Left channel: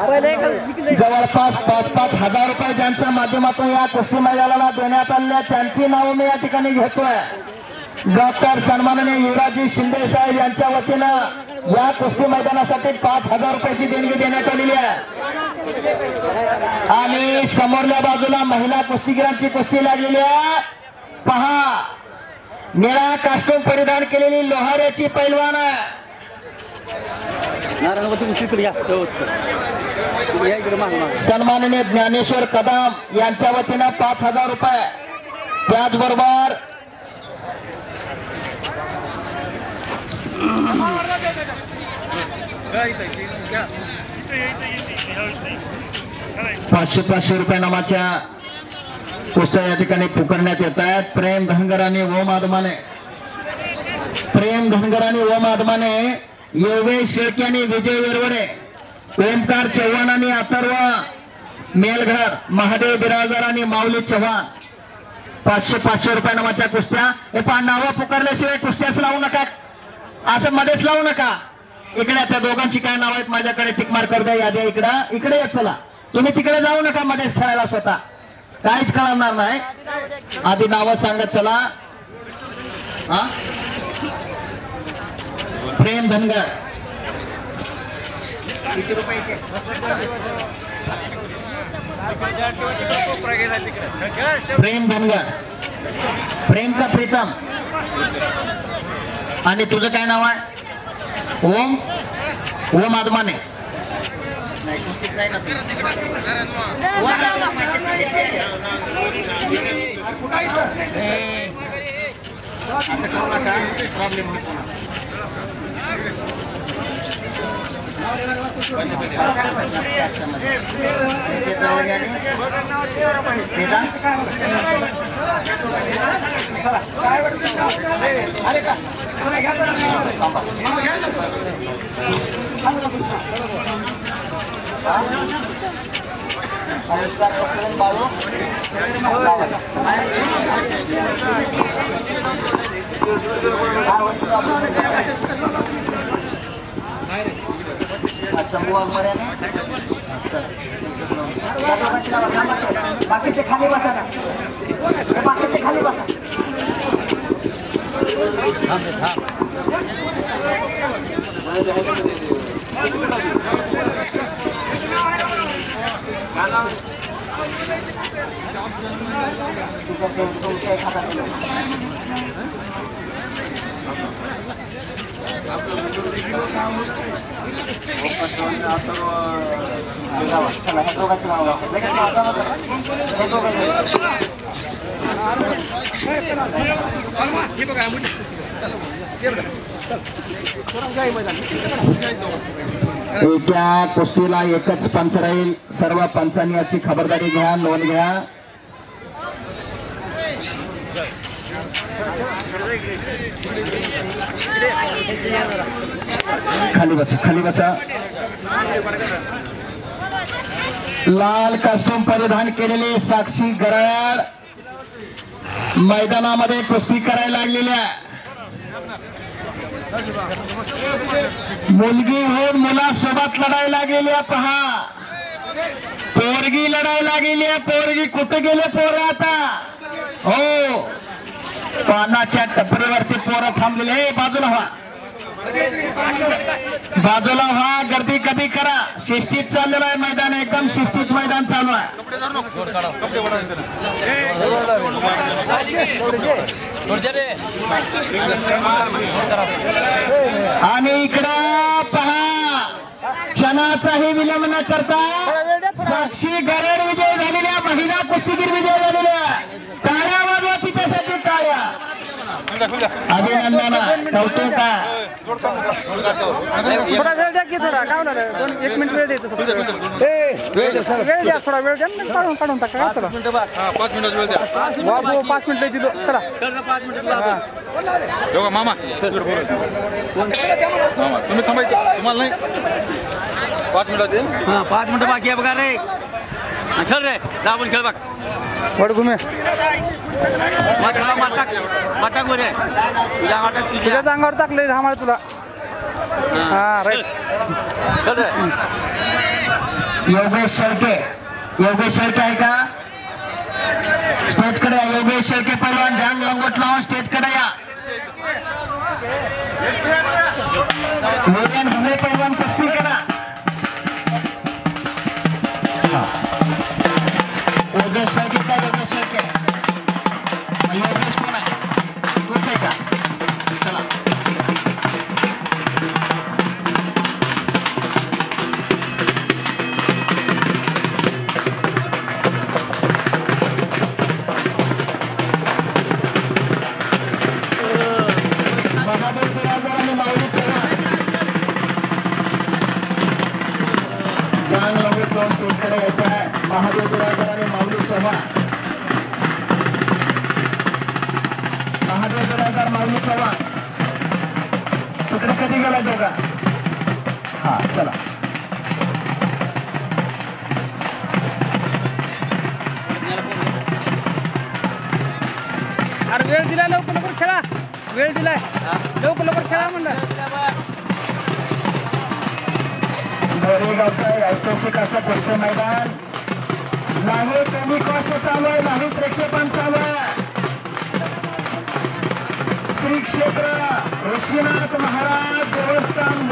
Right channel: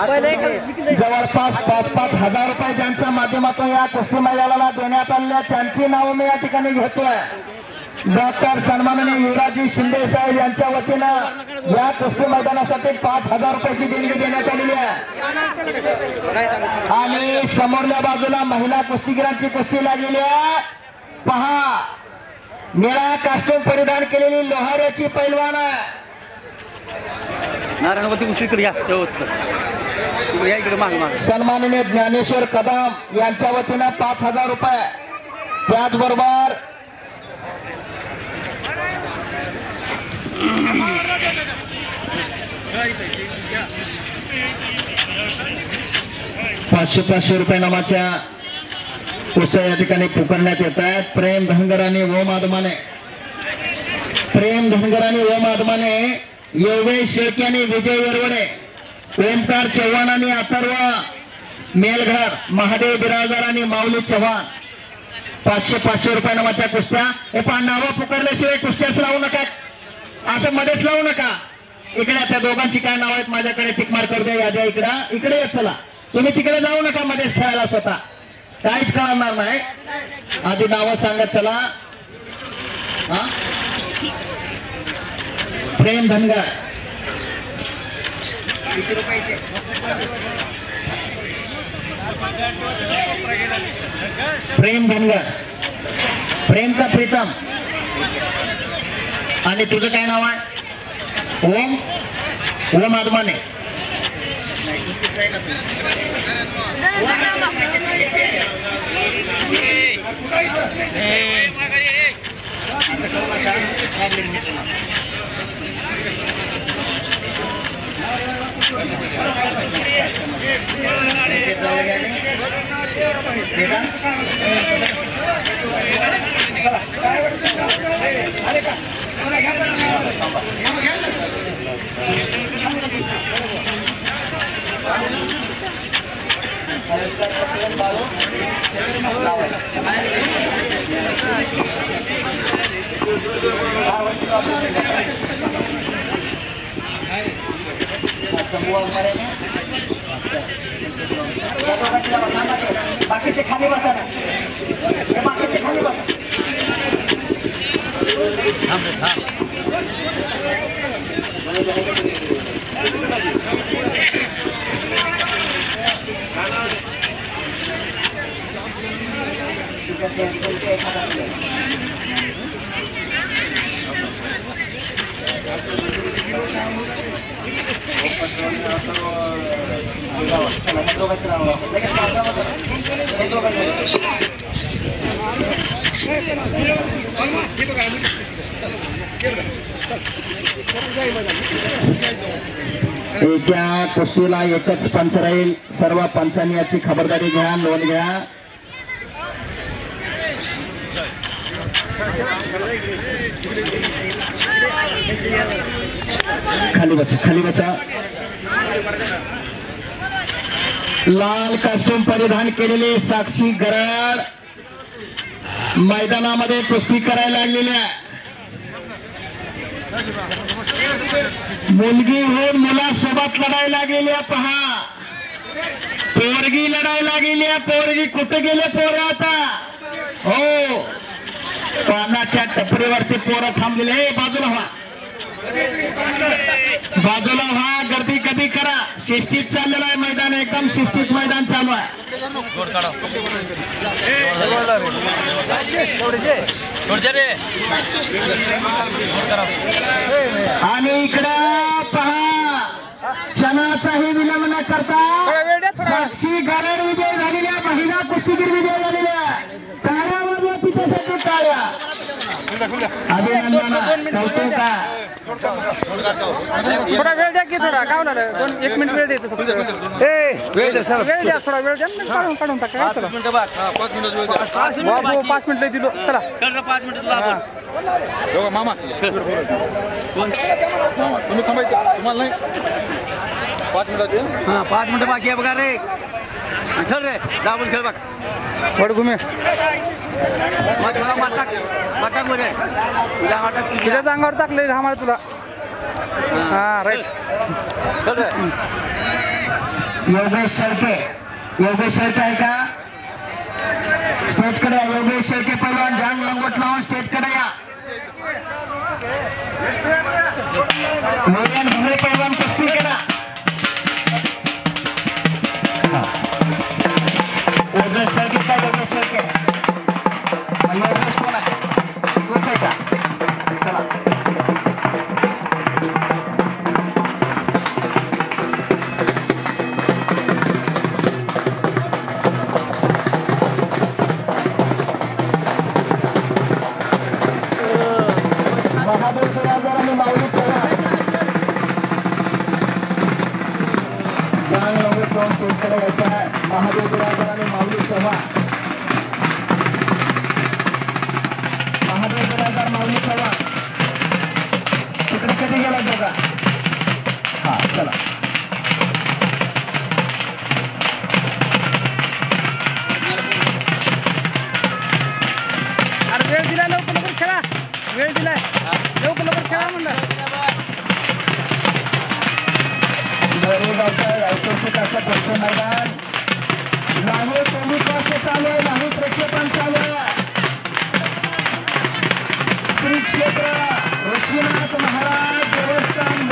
जवळपास 5-5 हजार रुपये ज्यांच्या माध्यमातून या कुस्ती मैदानाला देण्यात आले त्यांची नावं मी या ठिकाणी घेतोय। डॉक्टर सन्माननीय युवराजी शिंदे साहेब यांच्या वतीनं या कुस्ती मैदानासाठी 5,000 रुपयाची देणगी देण्यात आलेली आहे। आणि समोरल्या बाजूला महिला कुस्तीगिरांची कुस्ती लागलेली आहे। पहा, निळा कास्ट्यूम परिधान केलेली लोहाऱ्याची पैलवान आहे। नारायणवती कुस्तीकडे या, इकडे माग सन्माननीय ज्ञानेश्वर कदम यांच्या वतीनं 5,000 रुपये। त्याचबरोबर ₹500 रुपये नामाच्या कुस्त्या या ठिकाणी पुकारण्यात येत आहेत। प्रेम धनगर आणि ओम आदमाने, प्रेम धनगर आणि ओम आदमाने, योगेश शेळके आणि विजय येरवडे, ओमकार चव्हाण आणि अथर्व मेलघर, महादेव बिराजदार आणि माऊली चव्हाण 500 रुपये नामाच्या कुस्त्या। हे पहा, नावं पुकारल्याशिवाय कुस्त्याच लावू नका, असं मध्येच लावू नका। इकडे त्या दोघांची काय नाव आहेत माझ्याकडे टिक मार्क कर द्या, याद्या इकडे येत चला, तुम्ही तिकडे जाऊ नका मध्येच खेळायला, स्वतः काहीच कळणार नाही। आधी नावं सांगत चला। प्रेम धनगर, प्रेम धनगर, प्रेम का प्रीतम, आणि तुझं काय नाव आहे? ओम आदमाने। बाकीचे खाली बसा ना, बाकीचे खाली बसा। एका कुस्तीला एकच पंच राहील, सर्व पंचांनी याची खबरदारी घ्या, नोंद घ्या। खाली बसा, खाली बसा। लाल कास्ट्यूम परिधान केलेले साक्षी गराड मैदानामध्ये कुस्ती करायला आलेल्या, मुलगी होऊन मुलासोबत लढायला गेल्या। पहा, पोरगी लढायला गेल्या, पोरगी कुठे गेले पोरं आता? हो, पानाच्या टपरीवरती पोरं थांबलेले। बाजूला व्हा, बाजूला व्हा, गर्दी कमी करा। शिस्तीत चाललेलं आहे मैदान, एकदम शिस्तीत मैदान चालू आहे। आणि इकडं पहा, क्षणाचाही विलंब न करता साक्षी गराड विजय झालेल्या, महिला कुस्तीगीर विजय झालेल्या। टाळ्या वाजवा तिच्यासाठी, टाळ्या। अभिनंदन, कौतुक आहे। थोडा वेळ द्या की, थोडा काय होणार, 1 मिनिट वेळ द्यायचं फक्त। वेळ द्या, थोडा वेळ द्या, काढून टाका। 5 मिनिटं बाबू, 5 मिनिटं दिलो, चला 5 मिनिटं मामा तुम्ही थांबायचं, तुम्हाला नाही 5 मिनिटात। हां, 5 मिनिटं बाकी आहे बघा रे, चल रे, दाबून खेळ बघ। वड घुमे, तुझ्याच अंगावर टाकलंय आम्हाला तुला। हा, राईट। योगेश शेळके आहे का स्टेज कडे या योगेश शेळके पैलवान जांग लंगोट लावून स्टेज कडे या मोर्यान घुमे पैलवान कुस्ती करा योगेश शेळके का योगेश शेळके योगेश कोण आहे तोच आहे का चला महादेव बिराजदार आणि माऊली चव्हाण महादेव बिराजदार माऊली चव्हाण तिकडे कधी गेला दोघा हा चला अरे वेळ दिलाय लवकर लवकर खेळा वेळ दिलाय लवकर लवकर खेळा म्हणलं नरेगावचं ऐतिहासिक असं कुस्ती मैदान लाईव्ह टेलिकास्ट चालू आहे लाईव्ह प्रक्षेपण चालू आहे श्री क्षेत्र ऋषीनाथ महाराज देवस्थान